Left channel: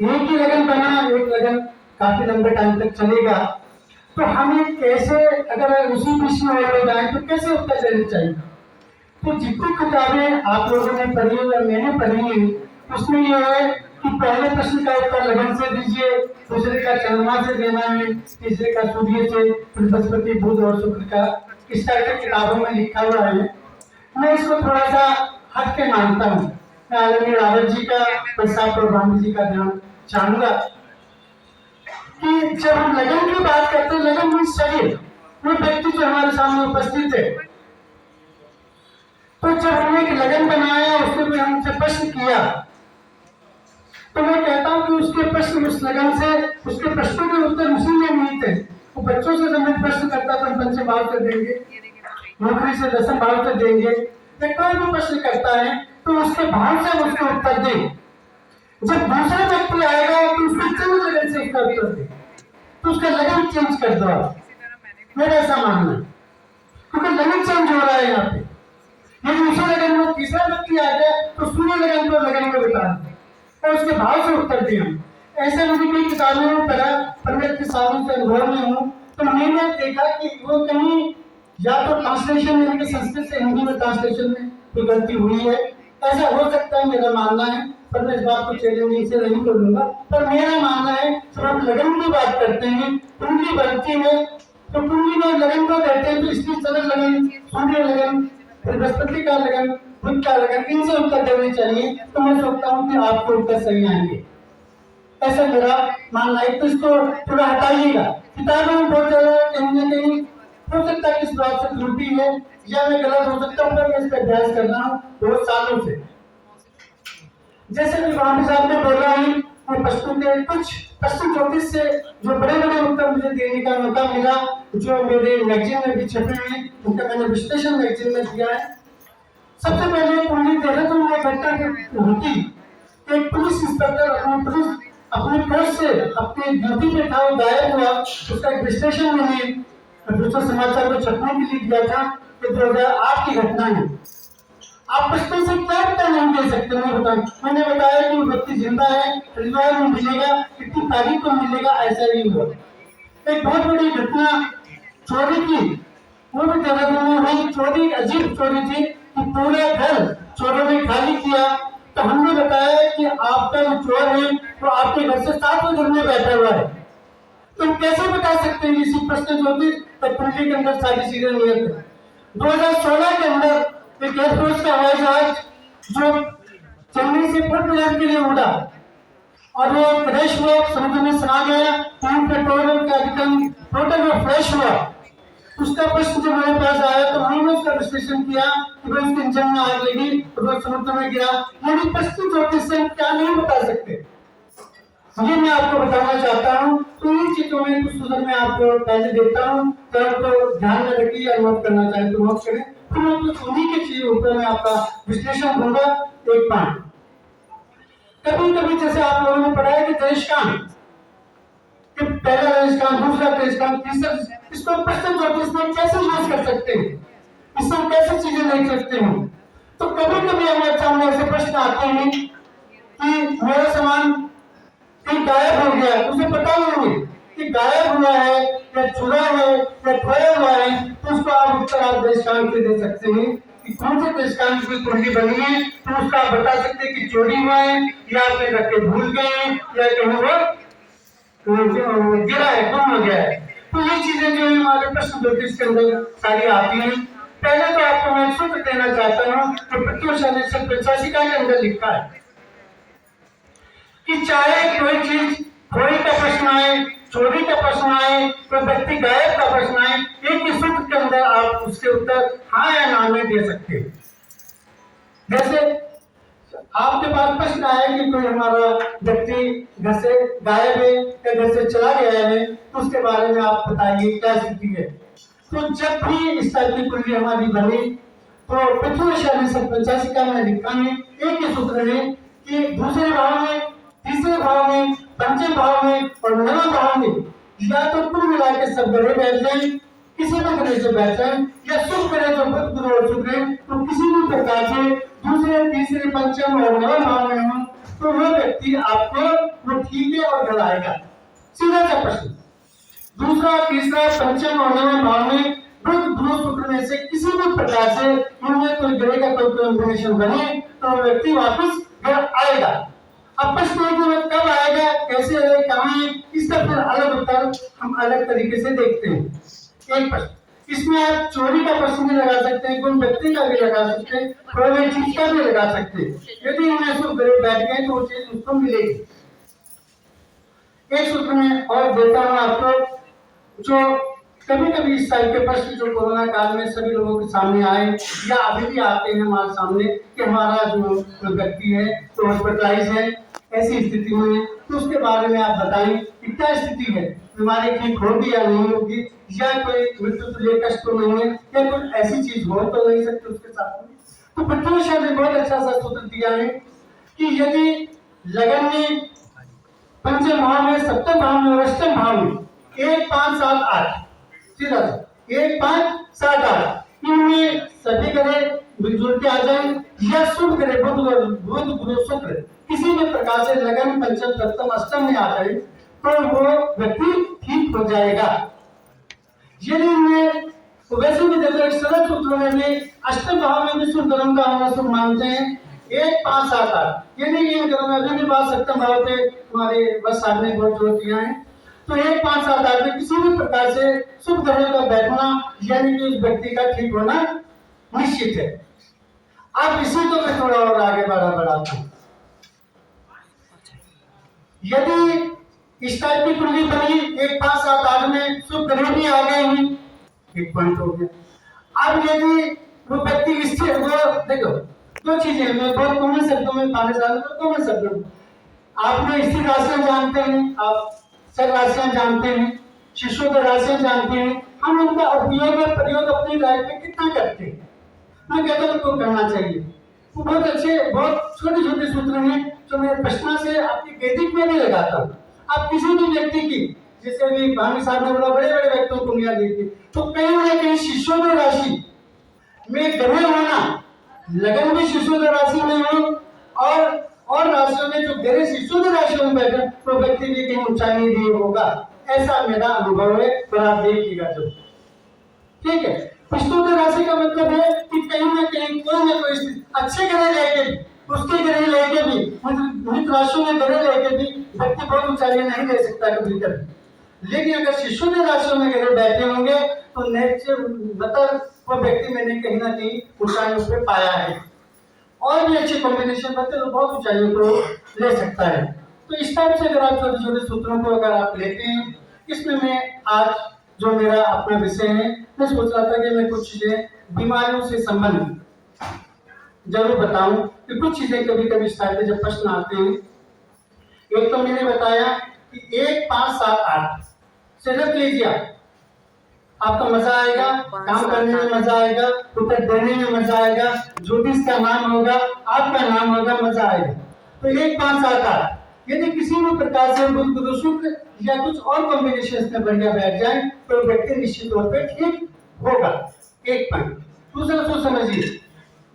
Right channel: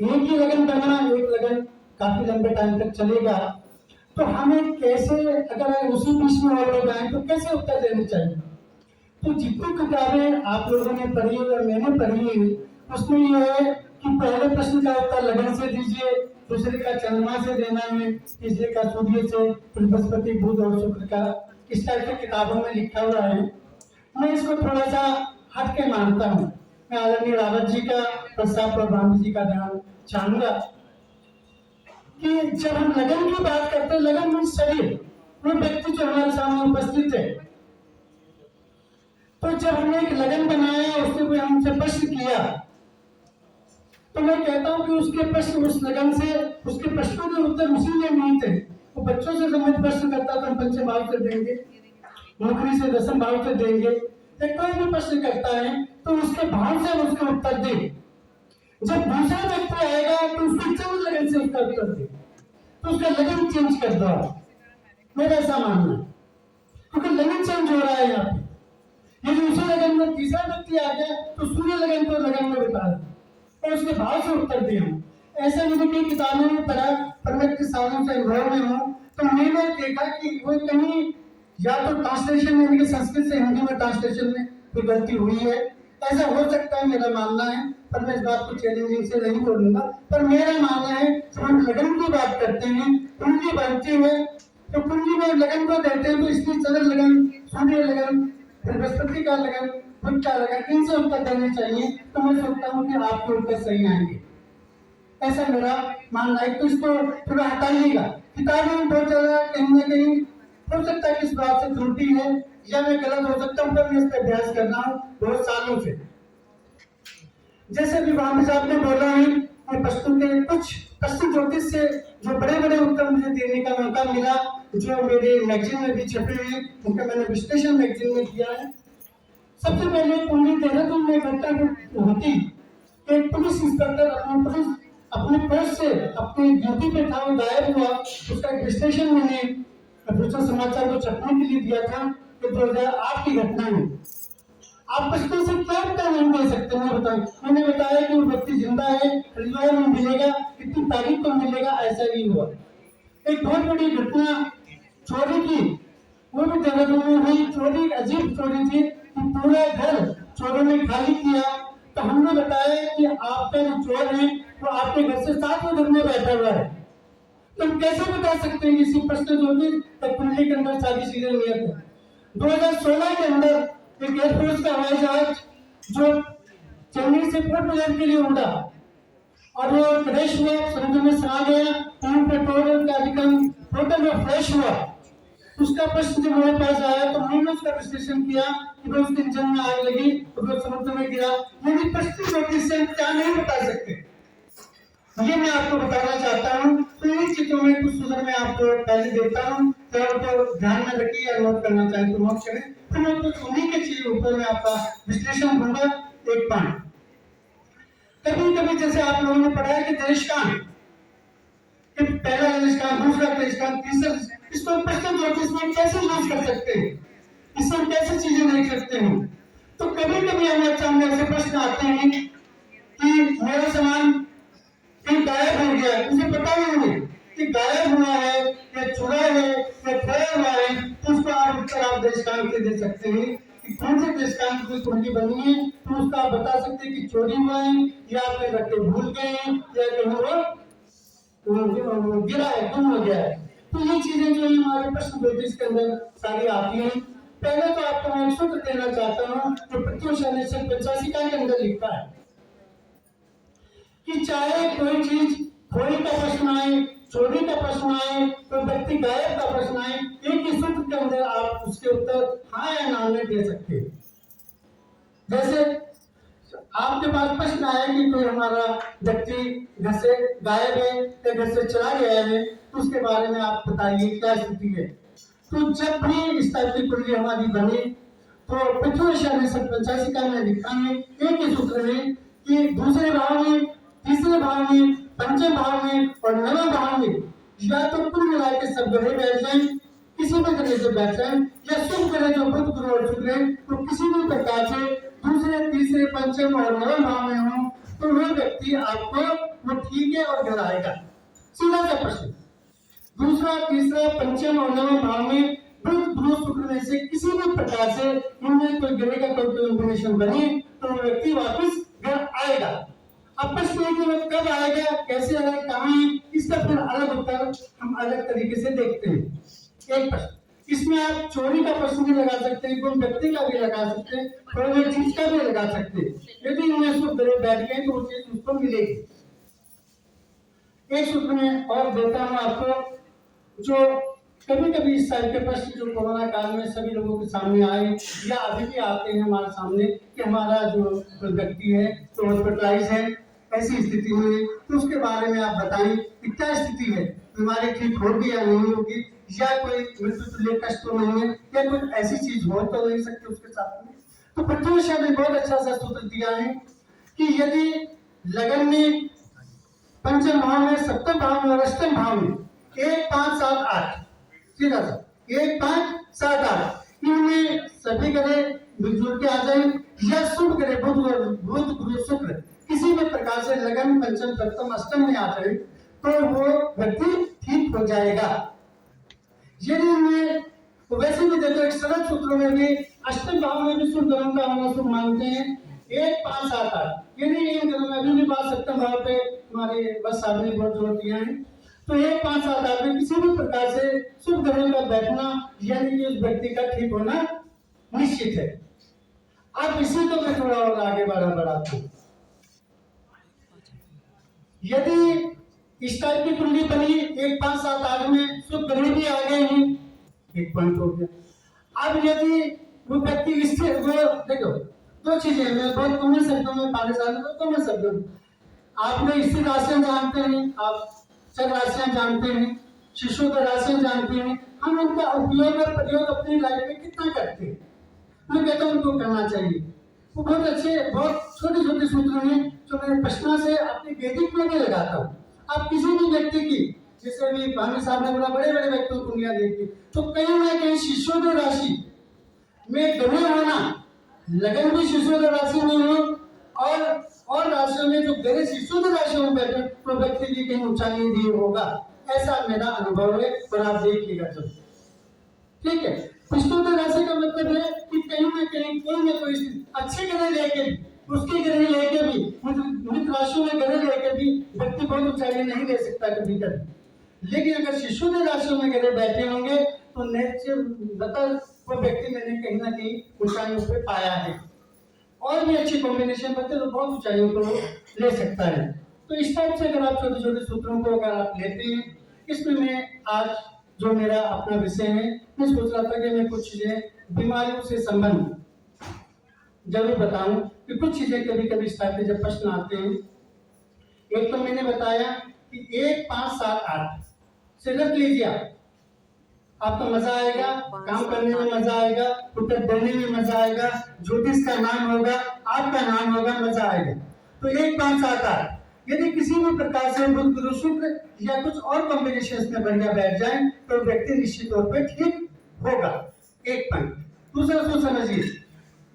एक ही लगन बना, एक लगन काफी लंबे टाइम तक चलेगा, तो हमें कैसे, अगर उसी बीच में और लोग आए तो कैसे उत्तर देना चाहिए। तो जितनी किताबें आप लोगों ने पढ़ी या मैंने पढ़ी है, उसमें यह है कि पहले प्रश्न का उत्तर लगन से दीजिए, दूसरे का चंद्रमा से देना है, तीसरे का सूर्य से, फिर बृहस्पति बुध और शुक्र का। इस टाइप की किताबों में लिखा हुआ है। मैं इसको थोड़ा सा हट के मानता हूँ। मैं आदरणीय रावत जी का, प्रसाद और ब्राह्मण जी का ध्यान चाहूंगा कि जब हम लगन की बात करते हैं, लगन मीन्स शरीर, वो व्यक्ति जो हमारे सामने उपस्थित है। तो जब हमने एक लगन बनाया, उसने कोई हमसे प्रश्न किया, तो मैं कहता हूँ कि उसके प्रश्न, उस लगन से उसके प्रश्नों के उत्तर उसी में नहीं थे। वो बच्चों से जब मैं प्रश्न करता तो हम पंचम भाव से देंगे, नौकरी से दसम भाव से देंगे, या कोई भी प्रश्न करता है तो उसके भाव से उसके उत्तर दें। जब दूसरा व्यक्ति आएगा तो उसको चंद लगन से उसका उत्तर दे, तो उसका लगन चेंज कर दो आप। मेरा ऐसा मानना है, क्योंकि लगन चेंज हो रहा है यहाँ पे। यदि उसी लगन में तीसरा व्यक्ति आ गया तो सूर्य लगन को लगन को बता दें और उसके भाव से उत्तर दिया। ऐसा मैंने कई किताबों में पढ़ा, पर मैं इतने सालों से अनुभव में हूँ, तो मैंने देखा कि वो कहीं या तो ट्रांसलेशन में, संस्कृत से हिंदी में ट्रांसलेशन में कोई गलती हुई है, ऐसा हो सकता है, मेरा मानना है। पर मैं इस बात को चैलेंजिंग से नहीं बोलूंगा, पर मेरा मानना है जब हम लगन की बात करते हैं, कुंडली बनती है तो कुंडली में लगन को कहते हैं, तो इसलिए चंद्र लगन, सूर्य लगन, फिर बृहस्पति का लगन, बुध का लगन, इनसे उत्तर देने चाहिए। तो मैं सोचता हूँ कि आपके उत्तर सही आएंगे, ऐसा मेरा मानना है। तो इसको थोड़ा हटाइएगा। किताबों में बहुत ज्यादा कहीं ना कहीं हो सकता है कि इस बात से त्रुटि है, या मैं गलत हो सकता हूँ, पर मैं इस पर अभ्यास कर रहा हूँ बहुत सालों से। जैसे भी वामी साहब ने बोला है, मैं प्रश्नों के कुछ प्रश्न ज्योतिष से जो बड़े बड़े उत्तर मुझे देने का मौका मिला, जो मेरे मैगजीन में भी छपे हैं, उनका मैंने विश्लेषण मैगजीन में दिया है। सबसे पहले कुंडली देहरादून में घटना होती, एक पुलिस इंस्पेक्टर अपने पोस्ट से अपनी ड्यूटी पे था, वो गायब हुआ। उसका एक विश्लेषण मैंने दूसरा समाचार को छपने के लिए दिया था कि 2008 की घटना है। आप प्रश्न से क्या उत्तर नहीं दे सकते, मैं बताऊं। मैंने बताया कि वो व्यक्ति जिंदा है, हरिद्वार में मिलेगा, कितनी तारीख को मिलेगा, ऐसा नहीं हुआ। एक बहुत बड़ी घटना चोरी की, वो भी देहरादून में हुई। चोरी अजीब चोरी थी कि पूरा घर चोरों ने खाली किया। तो हमने बताया कि आपका जो चोर है वो आपके घर से 7वें घर में बैठा हुआ है। तो हम कैसे बता सकते हैं इसी प्रश्न ज्योतिष कुंडली के अंदर सारी चीजें नियत है। 2016 के अंदर एक एयरफोर्स का हवाई जहाज जो चेन्नई से पोर्ट ब्लेयर के लिए उड़ा और वो क्रैश हुआ, समुद्र में समा गया, पेट्रोलियम का अधिकरण टोटल में फ्लैश हुआ। उसका प्रश्न जब मेरे पास आया तो हमने उसका विश्लेषण किया कि भाई उसके इंजन में आग लगी और वो समुद्र में गिरा। यदि प्रश्न ज्योतिष से क्या नहीं बता सकते, ये मैं आपको बताना चाहता हूँ। तो इन चीजों में कुछ सुझाव मैं आपको पहले देता हूँ, तो आपको ध्यान में रखिए, या नोट करना चाहे तो नोट करें। तो मैं कुछ उन्हीं के चीजों ऊपर मैं आपका विश्लेषण दूंगा। एक पॉइंट, कभी कभी जैसे आप लोगों ने पढ़ा है कि देशकांड, कि पहला देशकांड, दूसरा देशकांड, तीसरा, इसको प्रश्न ज्योतिष में कैसे यूज कर सकते हैं, इससे हम कैसे चीजें देख सकते हैं। तो कभी कभी हमारे सामने ऐसे प्रश्न आते हैं कि मेरा सामान कहीं गायब हो गया, उसे पता नहीं है कि गायब हुआ है या छुड़ा है या खोया हुआ है। तो उसको आप उत्तर आप देशकांड से दे सकते हैं कि कौन से देशकांड की कुंडली बनी है। तो उसका आप बता सकते हैं कि चोरी हुआ है, या आपने रख के भूल गए हैं, या कहीं वो गिरा है, गुम हो गया है। तो ये चीजें जो है हमारे प्रश्न ज्योतिष के अंदर सारी आती हैं। पहले तो आपको मैं सूत्र देना चाहता हूँ जो प्रत्युषा से 85 के अंदर लिखा है कि चाहे कोई चीज खोई का प्रश्न आए, चोरी का प्रश्न आए, कोई व्यक्ति गायब का प्रश्न आए, एक ही सूत्र के अंदर आप उसके उत्तर हाँ या ना में दे सकते हैं। जैसे आपके पास प्रश्न आया कि कोई हमारा व्यक्ति घर से गायब है या घर से चला गया है, तो उसके बारे में आप बताइए क्या स्थिति है। तो जब भी इस टाइप की कुंडली हमारी बनी, तो पृथ्वी ने 85 का में लिखा है एक ही सूत्र में कि दूसरे भाव में, तीसरे भाव में, पंचम भाव में और नवम भाव में या तो कुल मिला के सब ग्रह बैठ जाए, किसी भी ग्रह से बैठ जाए, या शुभ ग्रह जो बुध गुरु और शुक्र है, तो किसी भी प्रकार से दूसरे, तीसरे, पंचम और नवम भाव में हो, तो वह व्यक्ति आपको वो ठीक है और गलाएगा। सीधा सा प्रश्न। दूसरा, तीसरा, पंचम और नवम भाव में बुध, बृहस्पति, शुक्र में से किसी भी प्रकार से इनमें कोई ग्रह का कोई कॉम्बिनेशन बने तो वो व्यक्ति वापस घर आएगा। अब प्रश्न है कि वो कब आएगा, कैसे आएगा, कहाँ है, इसका फिर अलग उत्तर हम अलग तरीके से देखते हैं। एक प्रश्न, इसमें आप चोरी का प्रश्न भी लगा सकते हैं, कोई व्यक्ति का भी लगा सकते हैं, कोई चीज का भी लगा सकते हैं। यदि इनमें से ग्रह बैठ गए तो वो चीज उसको मिलेगी। एक सूत्र में और देता हूं आपको, जो कभी कभी इस टाइप के प्रश्न जो कोरोना काल में सभी लोगों के सामने आए या अभी भी आते हैं हमारे सामने कि हमारा जो व्यक्ति है तो हॉस्पिटलाइज है, ऐसी स्थिति में तो उसके बारे में आप बताएं कि क्या स्थिति है, बीमारी ठीक होगी या नहीं होगी, या कोई मृत्यु तुल्य कष्ट तो नहीं है, या कोई ऐसी चीज हो तो नहीं सकती उसके साथ में। तो पृथ्वी शाह ने बहुत अच्छा सा सूत्र दिया है कि यदि लगन में, पंचम भाव में, सप्तम भाव में और अष्टम भाव में 1, 5, 7, 8 सीधा सा 1, 5, 7, 8 इनमें सभी ग्रह मिलजुल के आ जाए या शुभ ग्रह बुध बुध शुक्र किसी भी प्रकार से लगन पंचम सप्तम अष्टम में आ जाए तो वो व्यक्ति ठीक हो जाएगा। यदि इनमें तो वैसे भी देखो एक सरल सूत्र में भी अष्टम भाव में भी शुभ ग्रहों का होना शुभ मानते हैं 1, 5, 7, 8 यदि ये ग्रहों में अभी भी बात सप्तम भाव पे हमारे बस साहब ने बहुत जोर दिया है तो 1, 5, 7, 8 में किसी भी प्रकार से शुभ ग्रहों का बैठना यानी कि उस व्यक्ति का ठीक होना निश्चित है। अब इसी को मैं थोड़ा और आगे बढ़ाता हूं। यदि इस टाइप की कुंडली बनी 1, 5, 7, 8 में शुभ ग्रह भी आ गए हैं, एक पॉइंट हो गया। अब यदि वो व्यक्ति इससे वो देखो दो चीजें मैं बहुत कॉमन शब्दों में पाने जा रहा हूं, कॉमन शब्दों में आपने स्थिर राशियां जानते हैं, आप चर राशियां जानते हैं, शिशुद्ध राशियां जानते हैं, हम उनका उपयोग और प्रयोग अपनी लाइफ में कितना करते हैं। मैं कहता हूं उनको करना चाहिए। वो बहुत अच्छे बहुत छोटे छोटे सूत्र हैं जो मैं प्रश्न से आपकी वैदिक में भी लगाता हूँ। आप किसी भी व्यक्ति की जैसे अभी भानु साहब ने बोला बड़े बड़े व्यक्तियों को दुनिया देखी तो कहीं ना कहीं शिशुद्ध राशि में ग्रह होना, लगन भी शिशुद्ध राशि में हो और राशियों में जो ग्रह शिशुद्ध राशियों में बैठे तो व्यक्ति भी कहीं ऊंचाई नहीं होगा, ऐसा मेरा अनुभव है। और आप देखिएगा जो ठीक है। विष्णु राशि का मतलब है कि कहीं ना कहीं कोई ना कोई अच्छे ग्रह लेके भी उसके ग्रह लेके भी मृत राशियों में ग्रह लेके भी व्यक्ति बहुत ऊंचाई नहीं ले सकता कभी कभी। लेकिन अगर शिशु के राशियों में ग्रह बैठे होंगे तो नेचर मतलब वो व्यक्ति मैंने कहीं ना कहीं ऊंचाइयों पे पाया है और भी अच्छे कॉम्बिनेशन बनते तो बहुत ऊंचाइयों को ले सकता है। तो इस टाइप से अगर आप छोटे छोटे सूत्रों को अगर आप लेते हैं, इसमें मैं आज जो मेरा अपना विषय है मैं सोच रहा था कि मैं कुछ चीजें बीमारियों से संबंधित जरूर बताऊं कि कुछ चीजें कभी कभी इस टाइप के जब प्रश्न आते हैं। एक तो मैंने बताया कि 1, 5, 7, 8 से रख लीजिए, आपका मजा आएगा, काम करने में मजा आएगा, उत्तर देने में मजा आएगा, ज्योतिष का नाम होगा, आपका नाम होगा, मजा आएगा। तो 1, 5, 7, 8 यदि किसी भी प्रकार से बुध गुरु शुक्र या कुछ और कॉम्बिनेशन में बढ़िया बैठ जाए तो व्यक्ति निश्चित तौर पे ठीक होगा। एक पॉइंट। दूसरा सोच समझिए,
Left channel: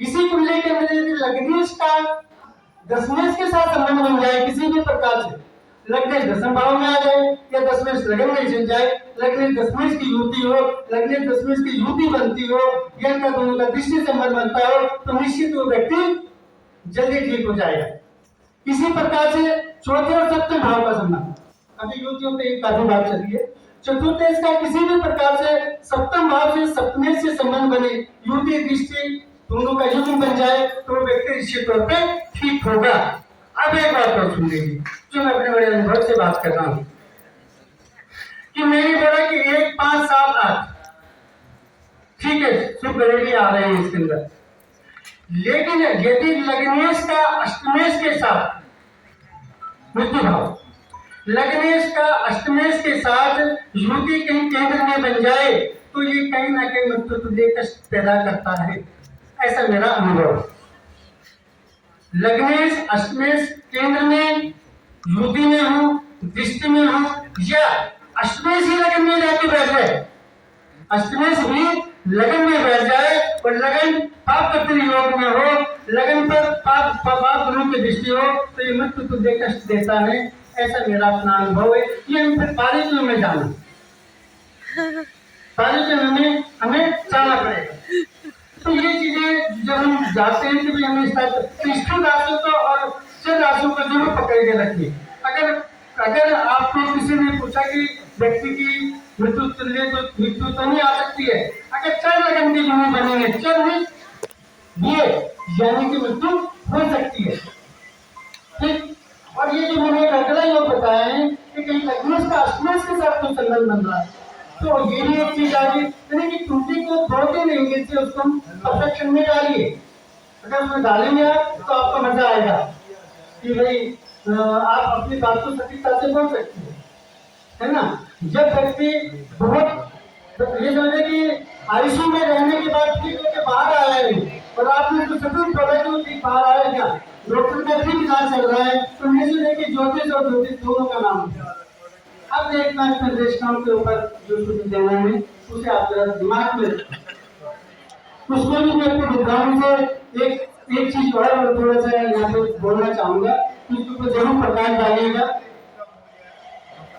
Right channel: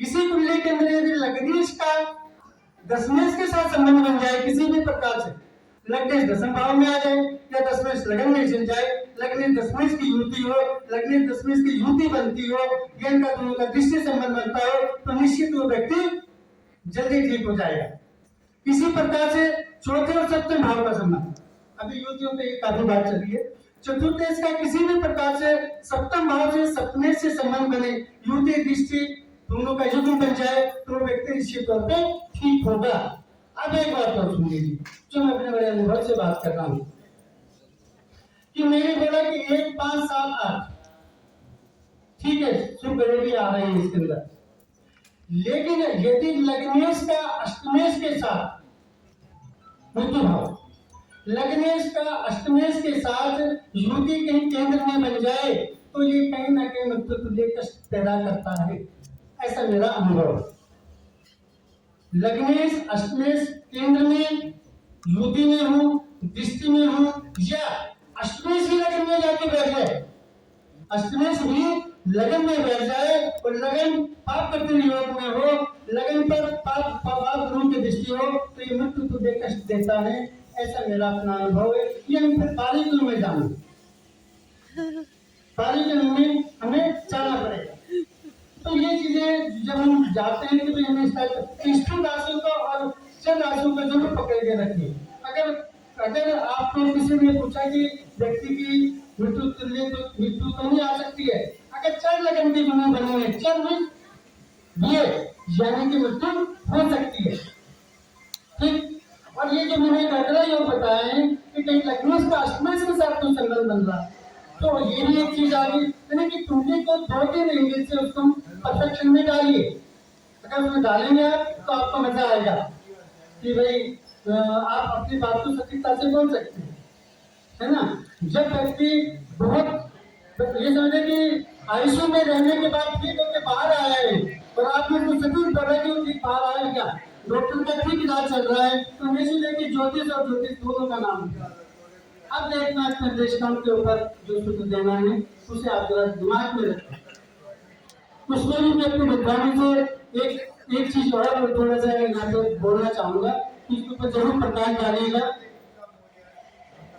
इसी कुंडली के अंदर यदि लग्नेश का दशमेश के साथ संबंध बन जाए किसी भी प्रकार से, लग्नेश दशम भाव में आ जाए या दशमेश लगन में चल जाए, लग्नेश दशमेश की युति हो, लग्नेश दशमेश की युति बनती हो या इनका दोनों का दृष्टि संबंध बनता हो तो निश्चित वो व्यक्ति जल्दी ठीक हो जाएगा। इसी प्रकार से चौथे और सप्तम भाव का संबंध, अभी युतियों पे काफी बात चली है। चतुर्देश का किसी भी प्रकार से सप्तम भाव से सप्तमेश से संबंध बने, युति दृष्टि दोनों का युति बन जाए तो व्यक्ति निश्चित तौर पे ठीक होगा। अब एक बात और सुन लीजिए जो मैं अपने बड़े अनुभव से बात कर रहा हूं कि मैंने बोला कि 1, 5, 7, 8 ठीक है, शुभ ग्रह भी आ रहे हैं इसके अंदर, लेकिन यदि लग्नेश का अष्टमेश के साथ मृत्यु भाव, लग्नेश का अष्टमेश के साथ युति कहीं केंद्र में बन जाए तो ये कहीं ना कहीं मृत्यु तुल्य कष्ट पैदा करता है, ऐसा मेरा अनुभव। लग्नेश अष्टमेश केंद्र में युति में हो, दृष्टि में हो या अष्टमेश ही लगन में जाके बैठ जाए, अष्टमेश भी लगन में बैठ जाए और लगन पाप योग में हो, लगन पर पाप गुरु के दृष्टि हो तो ये मृत्यु तुझे कष्ट देता है, ऐसा मेरा अपना अनुभव है। ये हम फिर बारीकियों में जाना, बारीकियों में हमें जाना पड़ेगा। तो ये चीजें जब हम जाते हैं कि भाई हमें स्थिर राशियों को और चर राशियों को जरूर पकड़ के रखिए। अगर आपको किसी ने पूछा कि व्यक्ति की मृत्यु तुल्य तो मृत्यु तो नहीं आ सकती है, अगर चर लगन की जुड़ी बनी है, चर में ये यानी कि मृत्यु हो सकती है, ठीक। और ये जो मैंने एक अगला योग बताया है कि कहीं लग्नेश का अष्टमेश के साथ कोई संबंध बन रहा है, तो ये भी एक चीज आ गई, यानी कि कुंडली को 2-3 एंगल से उसको परफेक्शन में डालिए। अगर उसमें डालेंगे आप तो आपको मजा आएगा कि भाई आप अपनी बात को सटीकता से बोल सकते हैं, है ना। जब व्यक्ति बहुत तो ये समझे कि आईसीयू में रहने के बाद ठीक होकर बाहर आया है और आपने जो सभी बोला कि ठीक बाहर आया क्या, डॉक्टर का ठीक इलाज चल रहा है, तो निश्चित है कि ज्योतिष और ज्योतिष दोनों का नाम है। अब देखना है निर्देशकों के ऊपर जो सूत्र देना है उसे आप जरा दिमाग में रखें। उसमें भी मैं अपने विद्वान से एक चीज और थोड़ा सा यहाँ पे बोलना चाहूंगा, उसके ऊपर जरूर प्रकाश डालिएगा।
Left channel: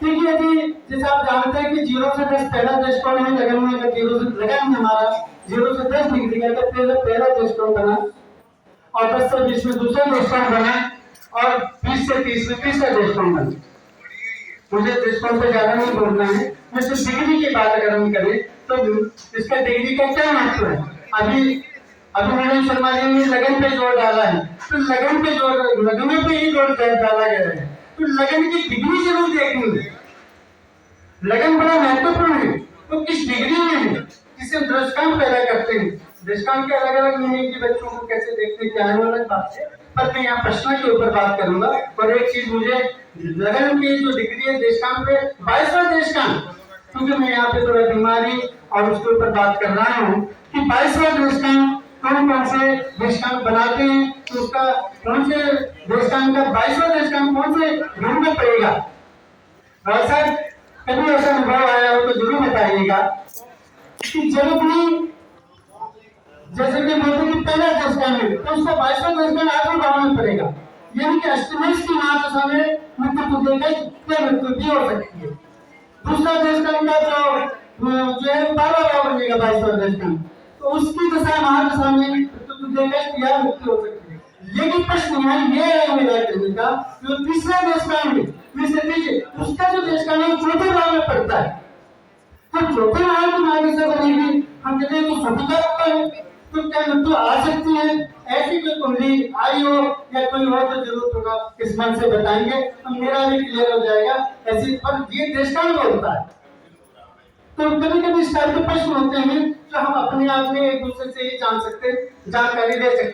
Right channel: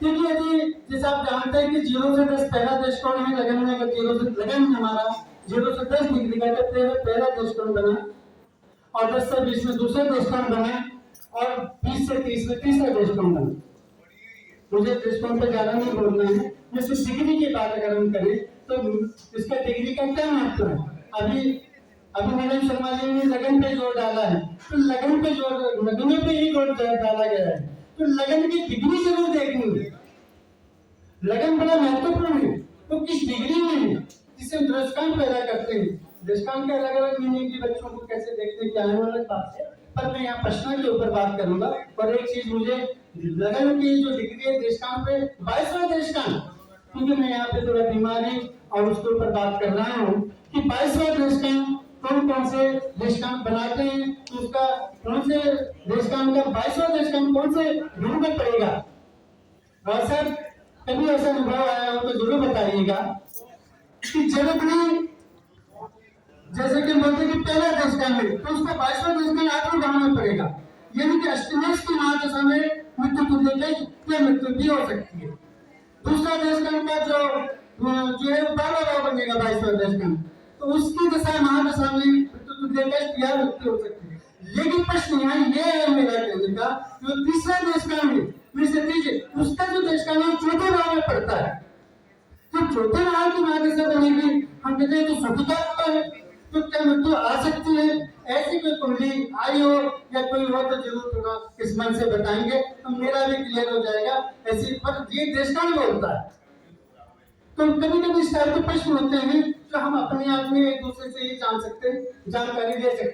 देखिए यदि जैसे आप जानते हैं कि 0 से 10 पहला दृष्टिकोण है लगन में, अगर 0 से लगन हमारा 0 से 10 डिग्री का तो पहला दृष्टिकोण बना, और 10 से 20 में दूसरा दृष्टिकोण बना, और 20 से 30 में तीसरा दृष्टिकोण बना। मुझे दृष्टिकोण पे ज्यादा नहीं बोलना है, मैं सिर्फ डिग्री की बात अगर हम करें तो इसका डिग्री का क्या महत्व है। अभी मैंने शर्मा जी ने लगन पे जोर डाला है, तो लगन पे जोर, लगन पे ही जोर डाला गया है, तो लगन की डिग्री जरूर देखनी है। लगन बड़ा महत्वपूर्ण है, तो किस डिग्री में है, जिसे दृष्टांत पैदा करते हैं। दृष्टांत के अलग अलग मीनिंग की बच्चों को कैसे देखते हैं क्या है अलग बात है, पर मैं यहाँ प्रश्न के ऊपर बात करूंगा। और एक चीज मुझे लगन की जो डिग्री है दृष्टांत पे 22वां दृष्टांत, क्योंकि मैं यहाँ पे थोड़ा बीमारी और उसके ऊपर बात कर रहा हूँ कि 22वां दृष्टांत कौन कौन से दृष्टांत बनाते हैं, तो उसका कौन से दृष्टांत का 22वां दृष्टांत कौन से ढूंढना पड़ेगा। और सर कभी ऐसा अनुभव आया हो तो जरूर बताइएगा कि जब अपनी जैसे कि बोलते कि पहला दृष्टांत है तो उसका 22वां दृष्टांत आखिरी भाव में पड़ेगा, यानी कि अष्टमेश की महादशा में मृत्यु को देखकर मृत्यु भी हो सकती है। दूसरा दृष्टांत का जो है 12वां भाव बनेगा 22वां दृष्टांत, तो उसकी दशा महादशा में मृत्यु देखकर यह मृत्यु हो सकती है। लेकिन प्रश्न यहाँ ये है मेरा कहने का, जो तीसरा दृष्टांत है उसका जो दृष्टांत है वो चौथे भाव में पड़ता है, तो चौथे भाव की महादशा बनेगी, हम कहते हैं तो सटीका होता है, तो क्या मृत्यु आ सकती है। ऐसी कोई कुंडली आई हो या कोई हो तो जरूर थोड़ा इस मन से बताएंगे तो मेरा भी क्लियर हो जाएगा। ऐसी पर ये दृष्टांत होता है, तो कभी कभी इस टाइप के प्रश्न होते हैं जो हम अपने आप में एक दूसरे से ही जान सकते, जानकारी ले सकते।